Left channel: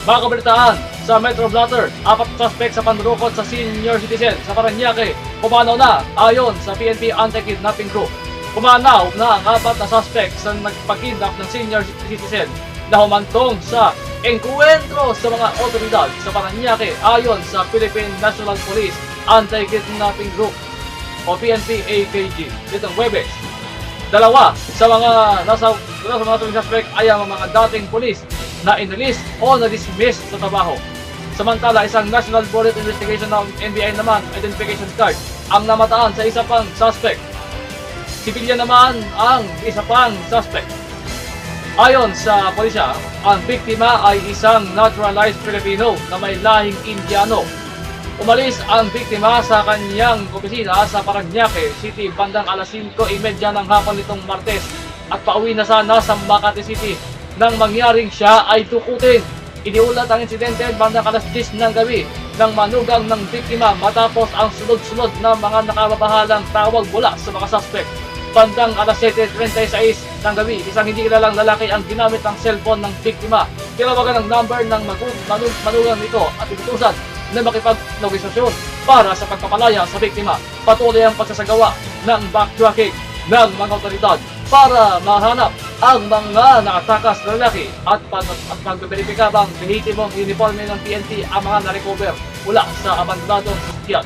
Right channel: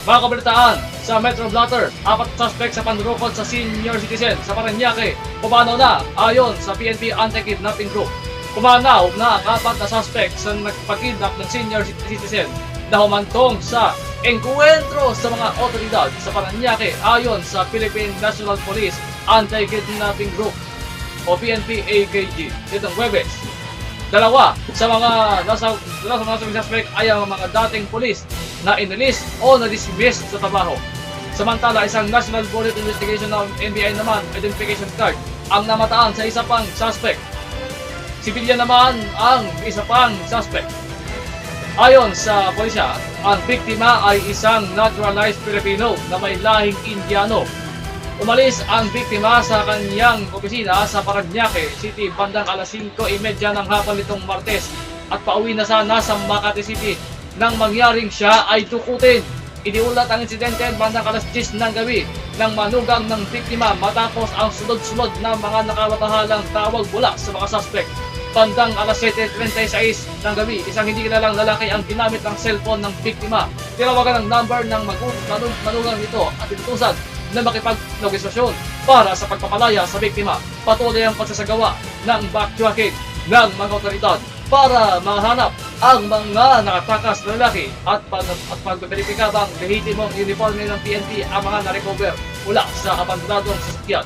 Mga kabalitaan, sa Metro Blatter, 4 suspect sa panlulokot sa senior citizen sa Parañaque, pumanaw na ayon sa PNP Anti-Kidnapping Group. Pumanaw na ang 4 na suspect sa nagpag-kidnap ng senior citizen na humantong sa engkwentro sa mga otoridad sa Parañaque ayon sa Philippine National Police Anti-Kidnapping Group o PNP-AKG nitong Huwebes. Dalawa sa mga nasa suspect ay ang mga dating pulis na inilis o na-dismiss sa trabaho. Samantala, isang National Bullet Investigation ng NBI naman identification card ang namataan sa isa pang suspect. Sibilyan naman ang isa pang suspect. Ayon sa pulisya, ang biktima ay isang naturalized Filipino na may lahing Indiano. Umalis ang biktima sa kanyang opisina sa Parañaque City bandang alas 5:30 ng hapon nitong Martes at pauwi na sana sa Makati City nang mangyaring siya ay dukutin. Iniulat ang insidente bandang alas 10 ng gabi nang manugang ng biktima matapos ang sunod-sunod na mga nakababahalang tawag mula sa mga suspect. Bandang alas 7:36 ng gabi, isang hindi kilalang lalaki ang ginamit ng cellphone ng biktima. Tinawagan ang number ng manugang nito at inutusan na makipag-negosasyon para sa pagpapalaya sa biktima. Patuloy ang pagsasagawa ng backtracking ng mga otoridad para mahanap ang mga nakatakas na lalaki at pagbeberipika bang lehitimong uniforme ng PNP ang mga na-recover mula sa abandonadong sasakyan.